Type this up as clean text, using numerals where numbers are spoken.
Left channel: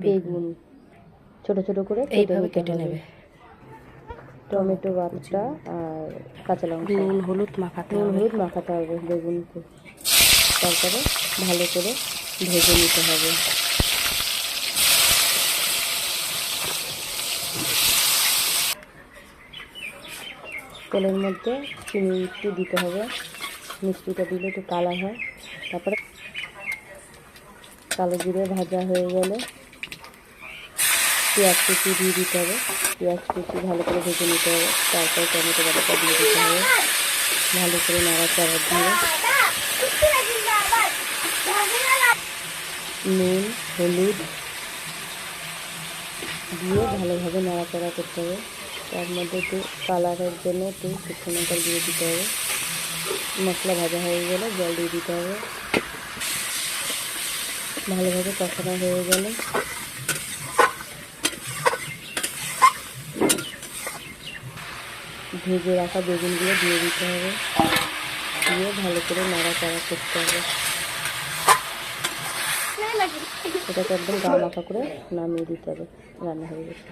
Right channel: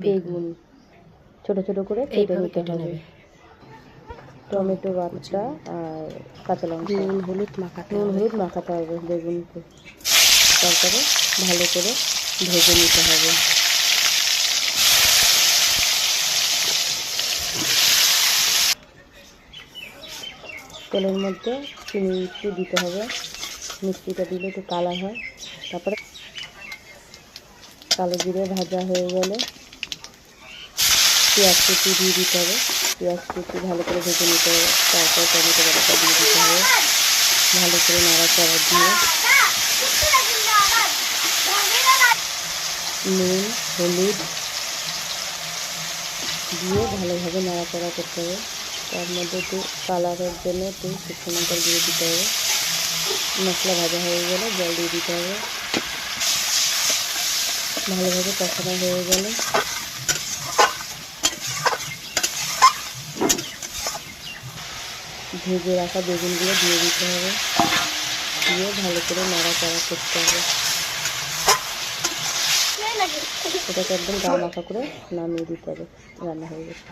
বেগুন ছোট ছোট করে কেটে নিতে হবে, টমেটো বাটা আর কাঁচা লঙ্কা, নুন হলুদ মাখাতে হবে বেগুনকে। তারপরে ভালো করে ভেজে নিতে হবে। তেলের মধ্যে চিনি একটু দিতে হবে, মিষ্টিটা দিলে একটু কালার হয়। তারপরে কালো জিরে ভাজা হয়ে গেলে পেঁয়াজ কুচি দিয়ে দিতে হবে, পেঁয়াজ কুচি ভালো করে ভেজে নিতে হবে। তারপর টমেটো বাটাটা দিয়ে দিতে হবে, ভালো করে নাড়াচাড়া দিয়ে নুন হলুদ দিয়ে ভালোভাবে নাড়াচাড়া করতে হবে। তার মধ্যে একটু কালারের জন্য একটু শুকনো লঙ্কা দিয়ে দিতে হবে। মশলা ভাজা হয়ে গেলে জল দিয়ে দিতে হবে। ভালোভাবে কষানো হয়ে গেলে ভেজে রাখা বেগুনগুলো দিয়ে দিতে হবে, দিয়ে ভালো করে নাড়াচাড়া করতে হবে। এটাকে একদম গা মাখা করে নামিয়ে দিতে হবে, রান্না হয়ে গেছে।